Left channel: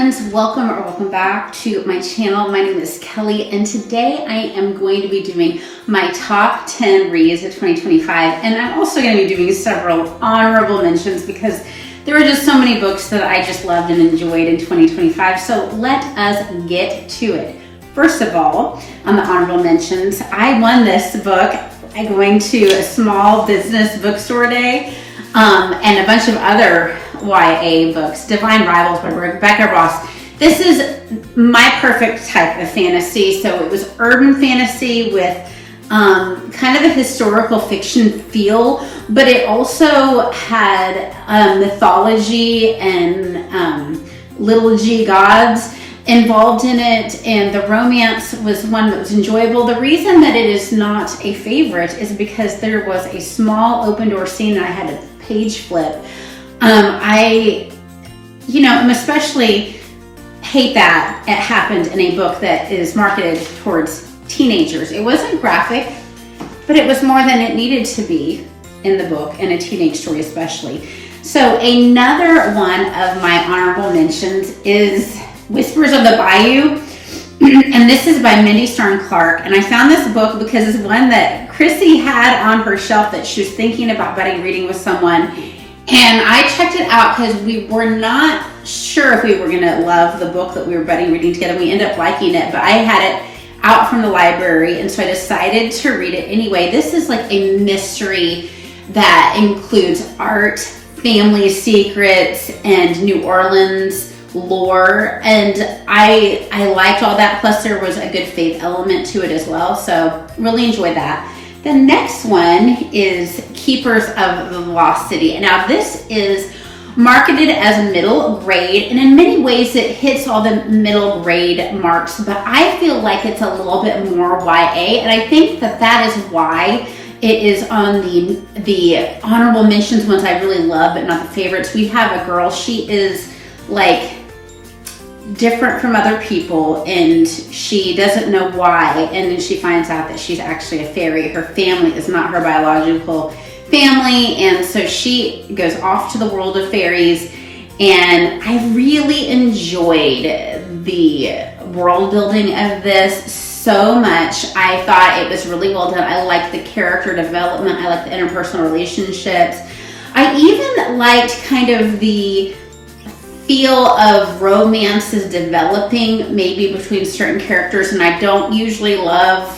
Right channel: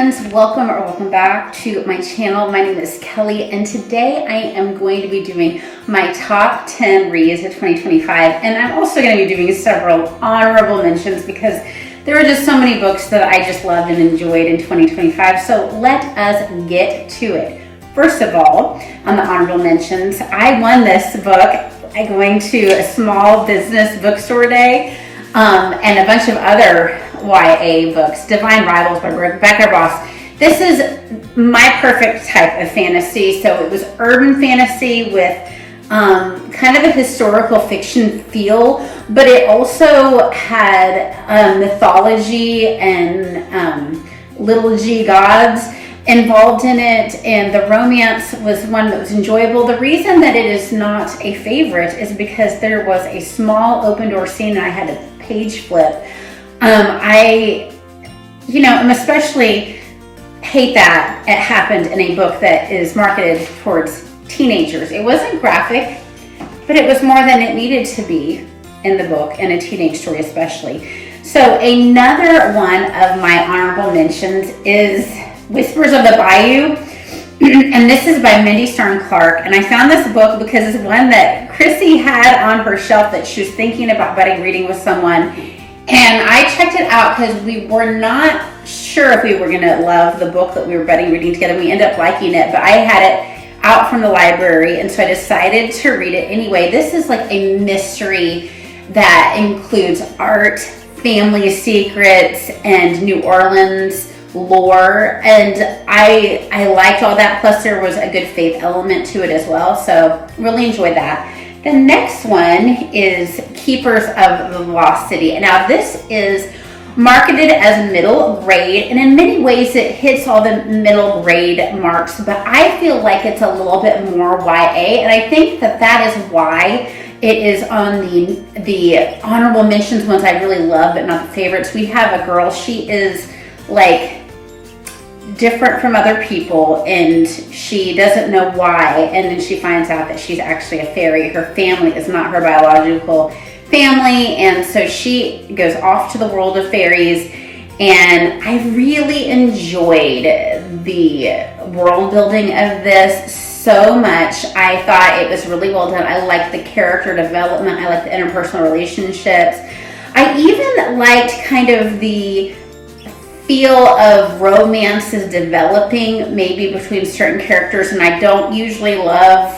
friends, welcome back to my channel. My name is Kelly, and today I am going to be doing my top 10 reads of 2025, and I'm also going to be doing several honorable mentions because there are just so many books that I just loved and enjoyed in 2025. So let us get to it. First of all, on the honorable mentions, I won this book going to a small business bookstore day and a bunch of other YA books. Divine Rivals by Baehr. This is my perfect type of fantasy. So it was urban fantasy with kind of a historical fiction feel, but it also had mythology and little g gods involved in it, and the romance was one that was enjoyable. The reason that it is not a favorite is because there was a small open door scene and I had to page flip. I especially hate that it happened in a book that is marketed towards teenagers. It wasn't graphic, but it was more than it needed to be in the book, and a teenage story especially. So another one of my honorable mentions is Whispers of the Bayou, and this is by Mindy Starns Clark. And I found this book because it's one that Chrissy had on her shelf that she was thinking about budding reading with someone. And I checked it out because we were not sure if we were going to love the book that we were budding reading together. We ended up liking it, but I had it out from the library, and so I decided to read it anyway. This is like a mystery that includes art, family secrets, and New Orleans lore, and I liked all that. Plus there was a good faith element to it as well, so really enjoyed that. The next one is Keepers of the Lost City. Now this is marketed as middle grade, and in many ways it hits all the middle grade marks, but I feel like it's a little bit more YA, and I think that is why it is on the honorable mentions, ones I really love but not the favorites. We have a girl, she is like different from other people, and she doesn't know why, and then she finds out that she's actually a fairy. Her family is not her biological family, and so she goes off to the world of fairies, and I really enjoyed the world building of this so much. I thought it was really well done. I liked the character development. I liked the interpersonal relationships. I even liked kind of the feel of romances developing maybe between certain characters, and I don't usually love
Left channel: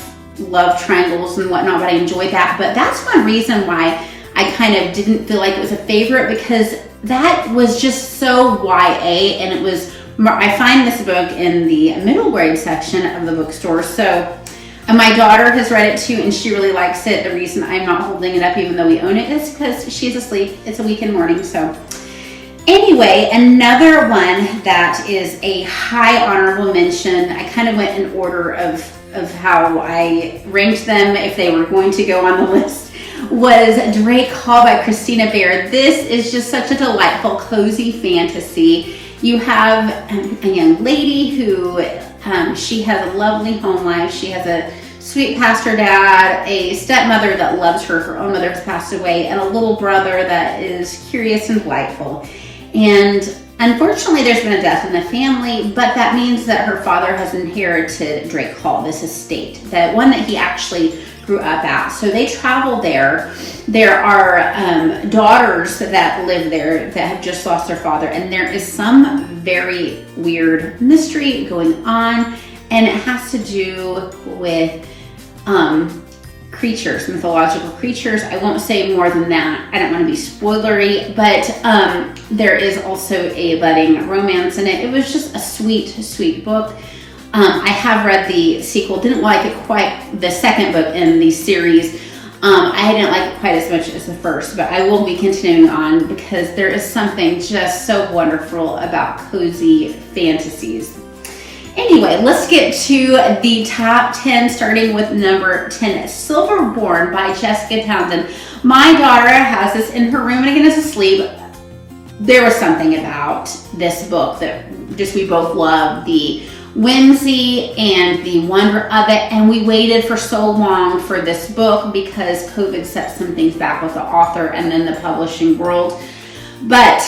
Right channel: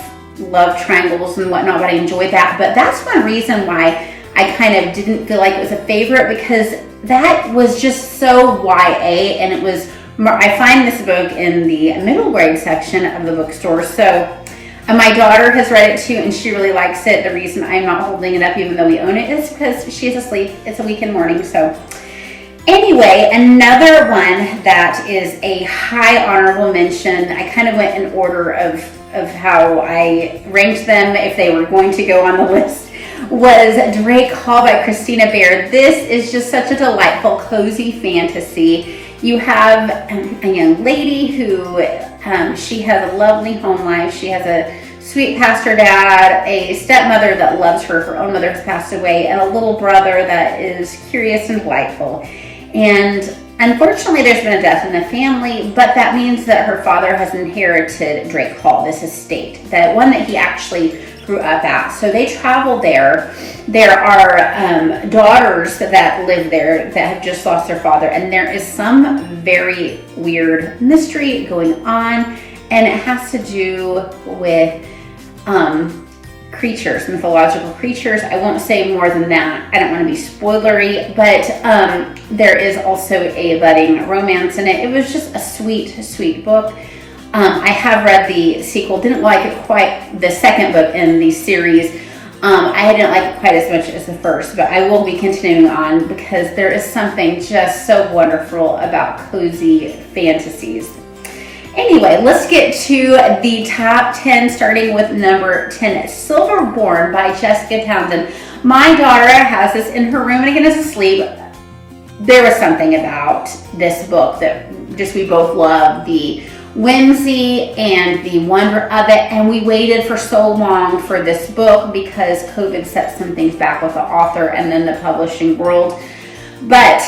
triangles and whatnot, but I enjoyed that. But that's one reason why I kind of didn't feel like it was a favorite, because that was just so YA, and it was, I find this book in the middle grade section of the bookstore. So my daughter has read it too, and she really likes it. The reason I'm not holding it up even though we own it is because she's asleep. It's a weekend morning. So anyway, another one that is a high honorable mention, I kind of went in order of how I ranked them if they were going to go on the list, was Drake Hall by Christina Baehr. This is just such a delightful, cozy fantasy. You have a young lady who, she has a lovely home life. She has a sweet pastor dad, a stepmother that loves her. Her own mother has passed away, and a little brother that is curious and delightful. And unfortunately, there's been a death in the family, but that means that her father has inherited Drake Hall, this estate, that one that he actually grew up at. So they travel there. There are daughters that live there that have just lost their father, and there is some very weird mystery going on, and it has to do with creatures, mythological creatures. I won't say more than that. I don't want to be spoilery, but there is also a budding romance in it. It was just a sweet, sweet book. I have read the sequel, didn't like it quite, the second book in the series. I didn't like it quite as much as the first, but I will be continuing on because there is something just so wonderful about cozy fantasies. Anyway, let's get to the top 10, starting with number 10, Silverborn by Jessica Townsend. My daughter has this in her room, and again, is asleep. There was something about this book that just we both loved, the whimsy and the wonder of it, and we waited for so long for this book because COVID set some things back with the author and then the publishing world. But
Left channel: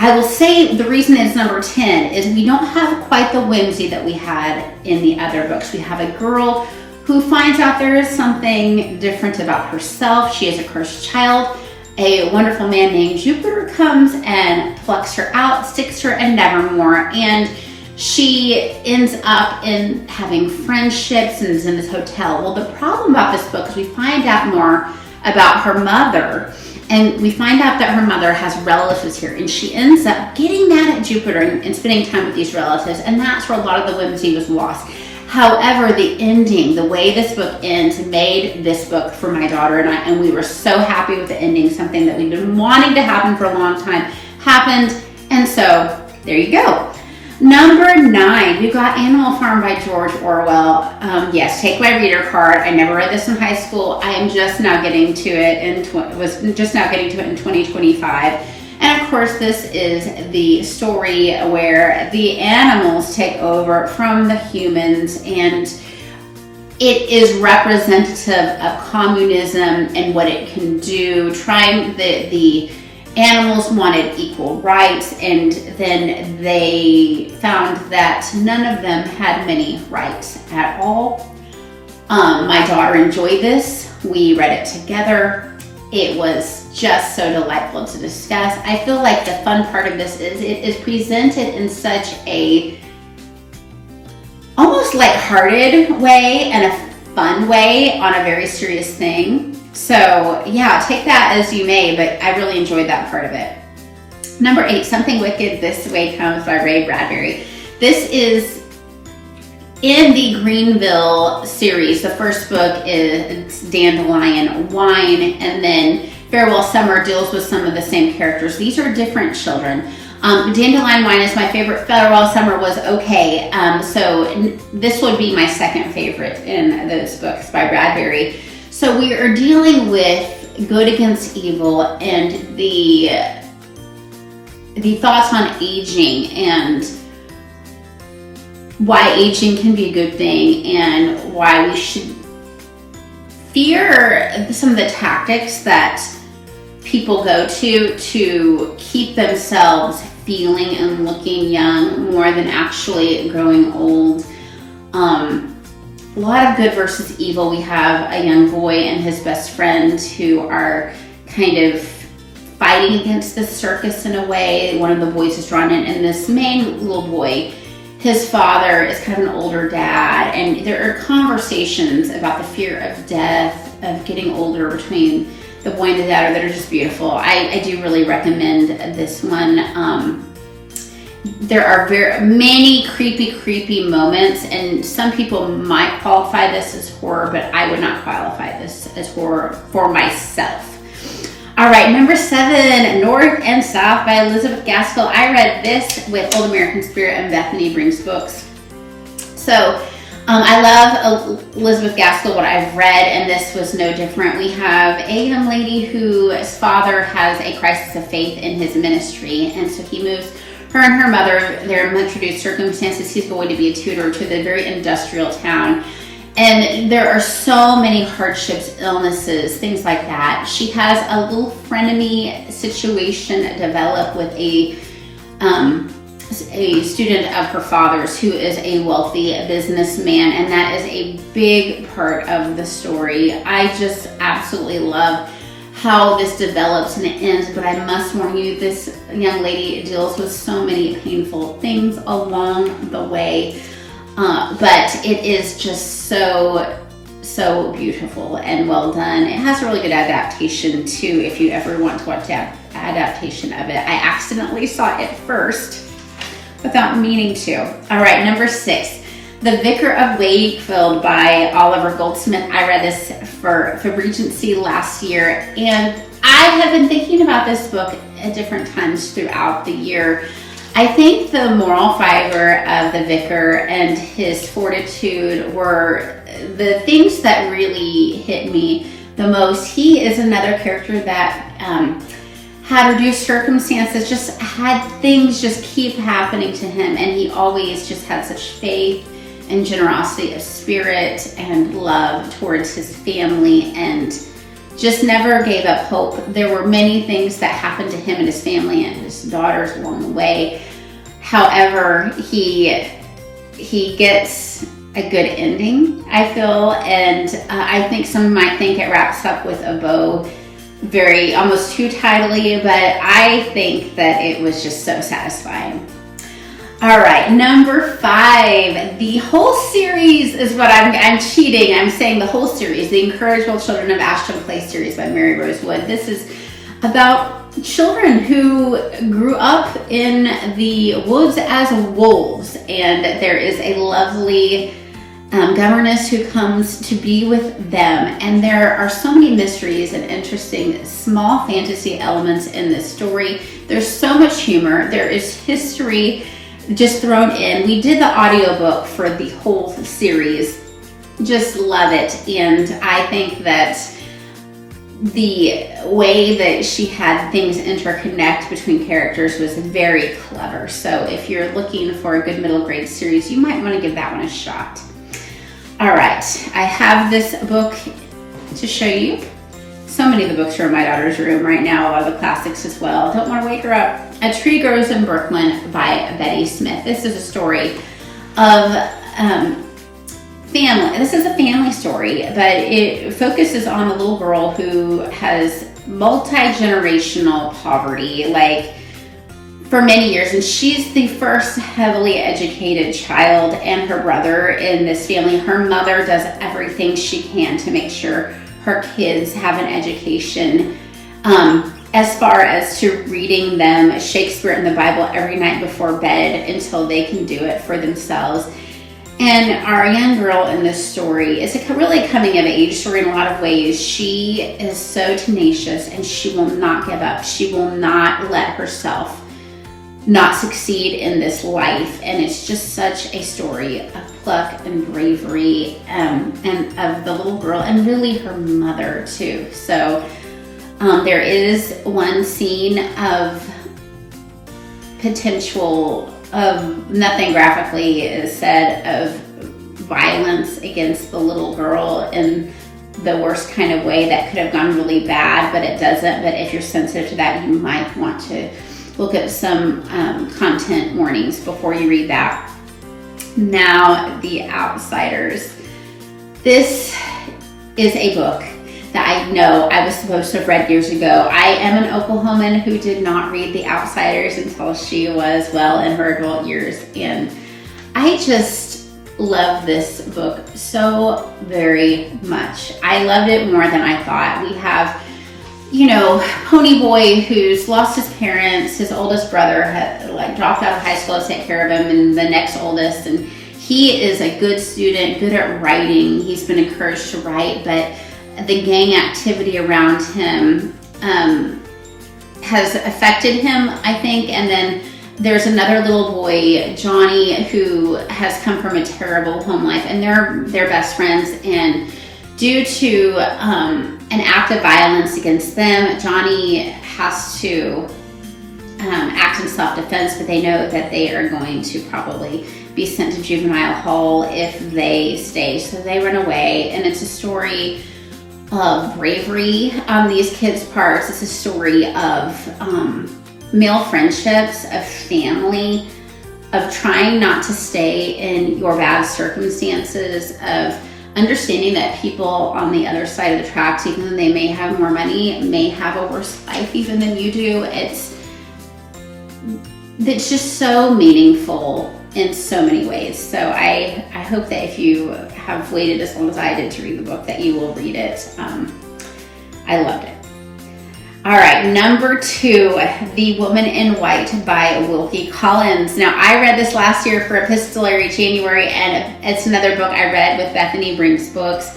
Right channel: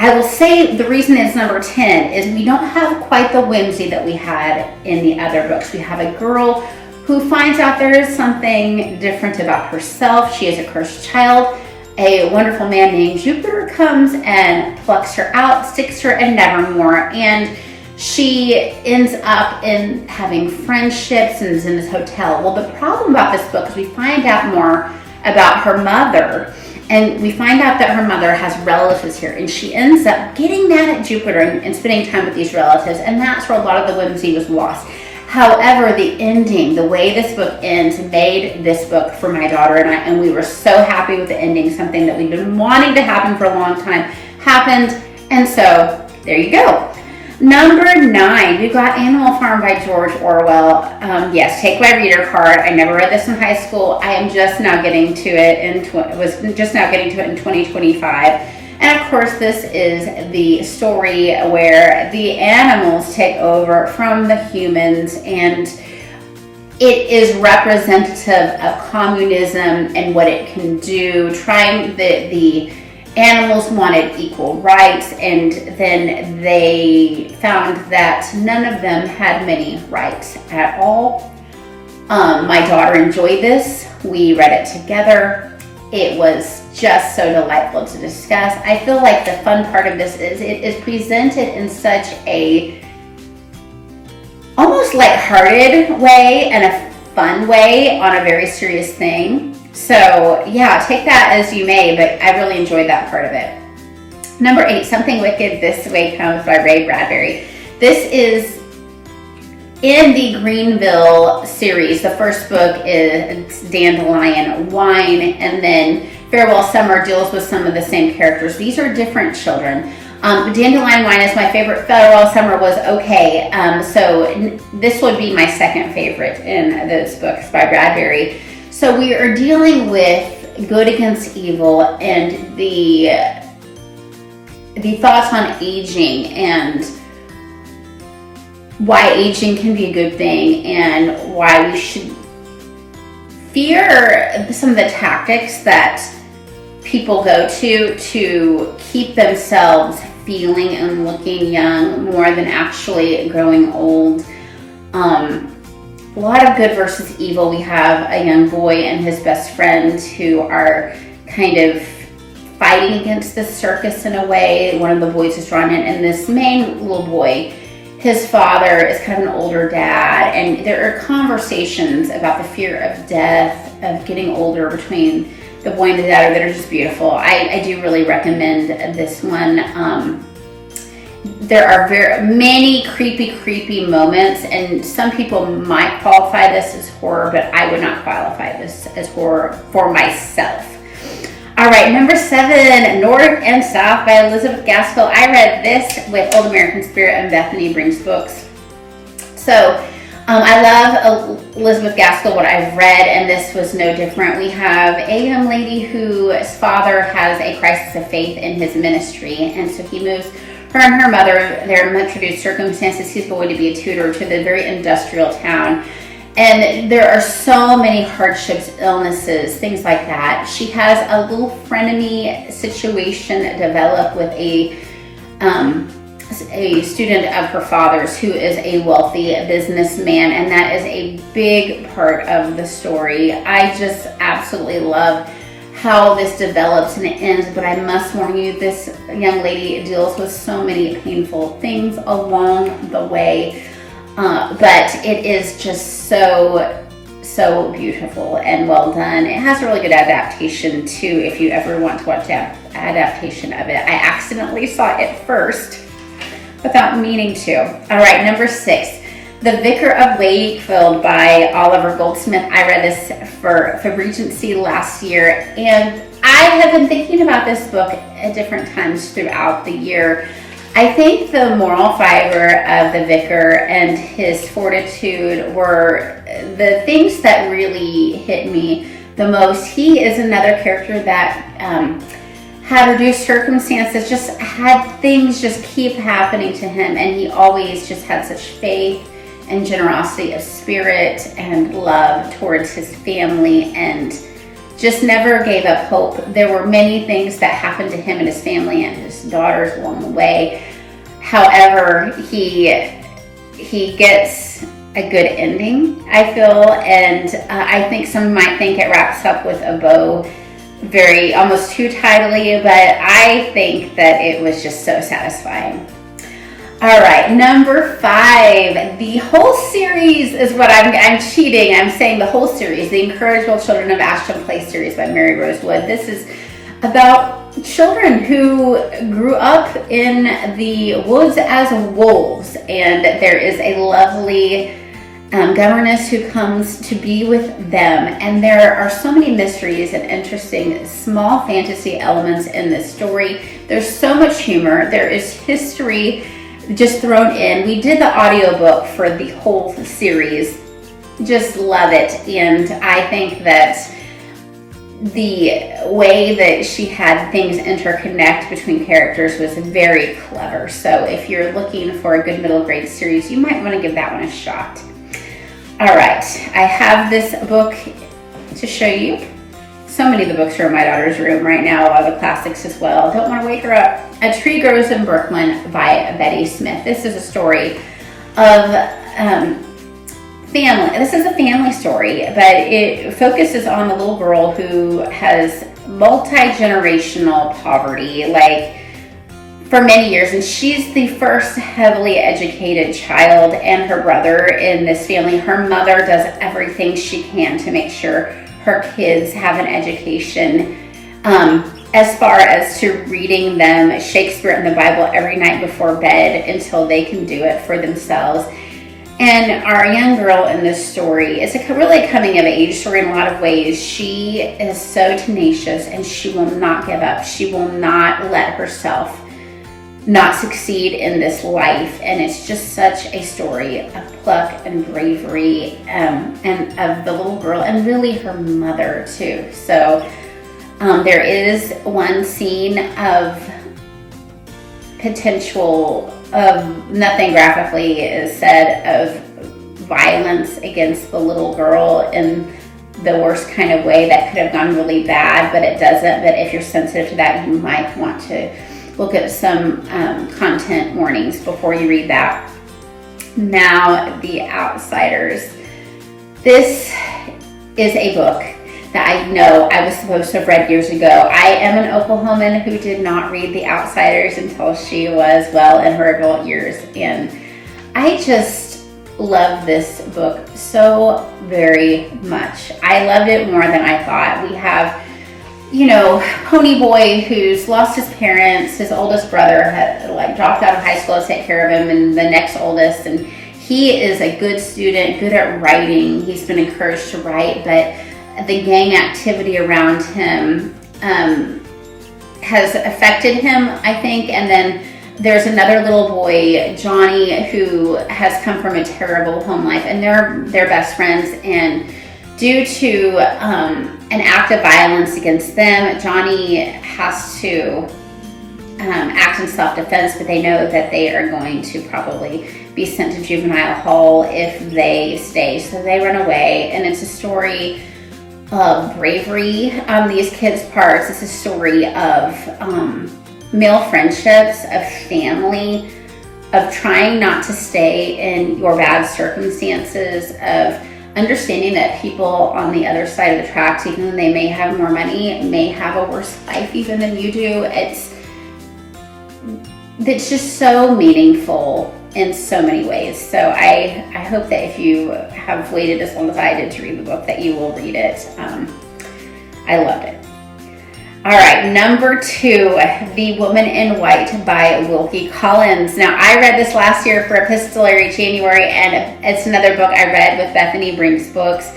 I will say the reason it's number 10 is we don't have quite the whimsy that we had in the other books. We have a girl who finds out there is something different about herself. She is a cursed child. A wonderful man named Jupiter comes and plucks her out, sticks her in Nevermore, and she ends up in having friendships and is in this hotel. Well, the problem about this book is we find out more about her mother, and we find out that her mother has relatives here, and she ends up getting mad at Jupiter and spending time with these relatives, and that's where a lot of the whimsy was lost. However, the ending, the way this book ends, made this book for my daughter and I, and we were so happy with the ending. Something that we've been wanting to happen for a long time happened, and so there you go. Number 9, we've got Animal Farm by George Orwell. Yes, take my reader card. I never read this in high school. I am just now getting to it in 2025. And of course, this is the story where the animals take over from the humans, and it is representative of communism and what it can do. The animals wanted equal rights, and then they found that none of them had many rights at all. My daughter enjoyed this. We read it together. It was just so delightful to discuss. I feel like the fun part of this is it is presented in such a almost lighthearted way and a fun way on a very serious thing. So yeah, take that as you may, but I really enjoyed that part of it. Number 8, Something Wicked This Way Comes by Ray Bradbury. This is in the Greenville series. The first book is Dandelion Wine, and then Farewell Summer deals with some of the same characters. These are different children. Dandelion Wine is my favorite. Farewell Summer was okay. So this would be my second favorite in this book. It's by Bradbury. So we are dealing with good against evil and the thoughts on aging and why aging can be a good thing and why we should fear some of the tactics that people go to keep themselves feeling and looking young more than actually growing old. A lot of good versus evil. We have a young boy and his best friend who are kind of fighting against the circus in a way. One of the boys is drawn in, and this main little boy, his father is kind of an older dad, and there are conversations about the fear of death, of getting older between the boy and the dad that are just beautiful. I do really recommend this one. There are very many creepy moments, and some people might qualify this as horror, but I would not qualify this as horror for myself. All right, number 7, North and South by Elizabeth Gaskell. I read this with Old American Spirit and Bethany Brings Books. So I love Elizabeth Gaskell, what I've read, and this was no different. We have a young lady whose father has a crisis of faith in his ministry, and so he moves her and her mother, their introduced circumstances, he's going to be a tutor to the very industrial town. And there are so many hardships, illnesses, things like that. She has a little frenemy situation develop with a student of her father's who is a wealthy businessman, and that is a big part of the story. I just absolutely love how this develops and it ends, but I must warn you, this young lady deals with so many painful things along the way. But it is just so beautiful and well done. It has a really good adaptation too, if you ever want to watch that adaptation of it. I accidentally saw it first without meaning to. All right, number 6, The Vicar of Wakefield by Oliver Goldsmith. I read this for Regency last year, and I have been thinking about this book at different times throughout the year. I think the moral fiber of the vicar and his fortitude were the things that really hit me the most. He is another character that had reduced circumstances, just had things just keep happening to him, and he always just had such faith and generosity of spirit and love towards his family, and just never gave up hope. There were many things that happened to him and his family and his daughters along the way. However, he gets a good ending, I feel, and I think some might think it wraps up with a bow very almost too tidily, but I think that it was just so satisfying. All right, number 5, the whole series is what I'm cheating. I'm saying the whole series, the Incorrigible Children of Ashton Play series by Maryrose. This is about children who grew up in the woods as wolves, and there is a lovely governess who comes to be with them, and there are so many mysteries and interesting small fantasy elements in this story. There's so much humor. There is history just thrown in. We did the audiobook for the whole series. Just love it. And I think that the way that she had things interconnect between characters was very clever. So if you're looking for a good middle grade series, you might want to give that one a shot. All right, I have this book to show you. So many of the books are in my daughter's room right now, a lot of the classics as well. Don't want to wake her up. A Tree Grows in Brooklyn by Betty Smith. This is a story of family. This is a family story, but it focuses on the little girl who has multi-generational poverty, like for many years, and she's the first heavily educated child and her brother in this family. Her mother does everything she can to make sure her kids have an education, as far as to reading them Shakespeare and the Bible every night before bed until they can do it for themselves. And our young girl in this story is a really coming of age story in a lot of ways. She is so tenacious and she will not give up. She will not let herself not succeed in this life. And it's just such a story of pluck and bravery, and of the little girl and really her mother too. So there is one scene of potential of, nothing graphically is said, of violence against the little girl in the worst kind of way that could have gone really bad, but it doesn't. But if you're sensitive to that, you might want to look at some content warnings before you read that. Now, The Outsiders. This is a book that I know I was supposed to have read years ago. I am an Oklahoman who did not read The Outsiders until she was well in her adult years, and I just love this book so very much. I loved it more than I thought. We have, Pony Boy who's lost his parents. His oldest brother had dropped out of high school to take care of him, and the next oldest, and he is a good student, good at writing. He's been encouraged to write, but the gang activity around him has affected him, I think. And then there's another little boy, Johnny, who has come from a terrible home life, and they're best friends. And due to an act of violence against them, Johnny has to act in self-defense, but they know that they are going to probably be sent to juvenile hall if they stay. So they run away, and it's a story of bravery on these kids' parts. It's a story of male friendships, of family, of trying not to stay in your bad circumstances, of understanding that people on the other side of the tracks, even though they may have more money, may have a worse life even than you do. It's just so meaningful in so many ways. So I hope that if you have waited as long as I did to read the book, that you will read it. I loved it. All right, number 2, The Woman in White by Wilkie Collins. Now, I read this last year for Epistolary January, and it's another book I read with Bethany Brink's books.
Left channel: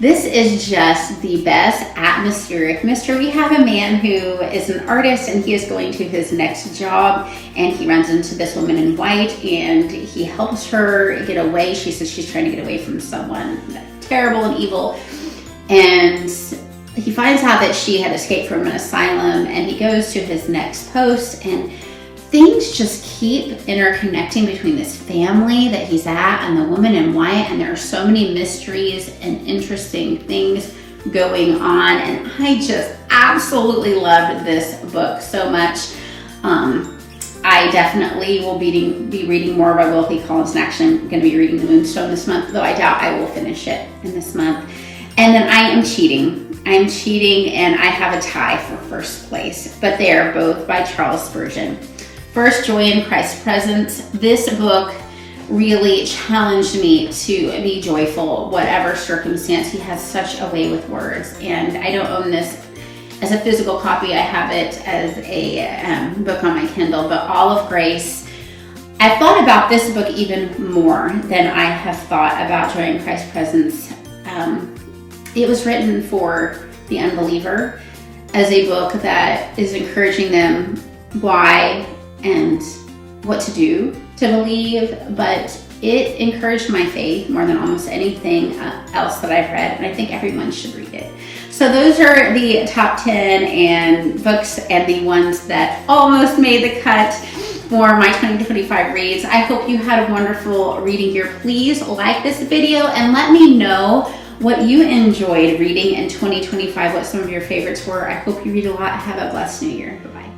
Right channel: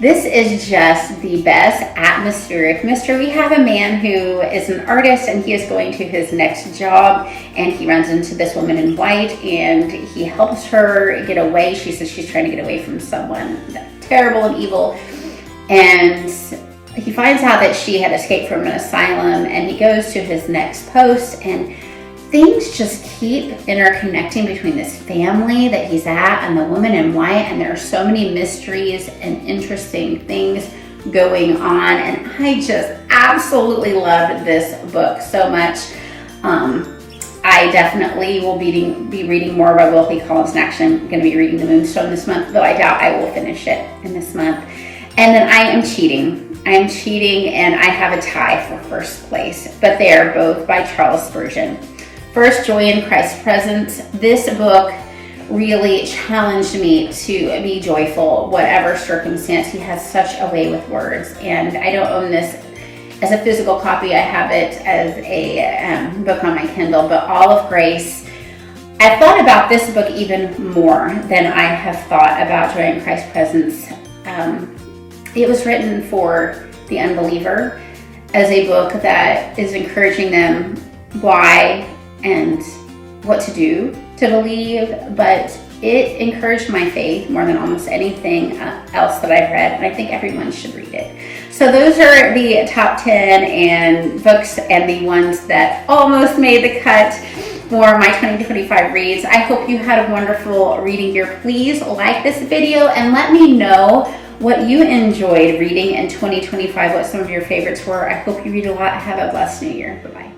This is just the best atmospheric mystery. We have a man who is an artist, and he is going to his next job, and he runs into this woman in white, and he helps her get away. She says she's trying to get away from someone terrible and evil, and he finds out that she had escaped from an asylum, and he goes to his next post, and things just keep interconnecting between this family that he's at and the woman in white, and there are so many mysteries and interesting things going on, and I just absolutely loved this book so much. I definitely will be reading more by Wilkie Collins, and actually I'm going to be reading The Moonstone this month, though I doubt I will finish it in this month. And then I am cheating. And I have a tie for first place, but they are both by Charles Spurgeon. First, Joy in Christ's Presence. This book really challenged me to be joyful, whatever circumstance. He has such a way with words, and I don't own this as a physical copy. I have it as a book on my Kindle, but All of Grace. I thought about this book even more than I have thought about Joy in Christ's Presence. It was written for the unbeliever as a book that is encouraging them why and what to do to believe, but it encouraged my faith more than almost anything else that I've read, and I think everyone should read it. So those are the top 10 and books and the ones that almost made the cut for my 2025 reads. I hope you had a wonderful reading year. Please like this video and let me know what you enjoyed reading in 2025, what some of your favorites were. I hope you read a lot. Have a blessed new year. Bye-bye.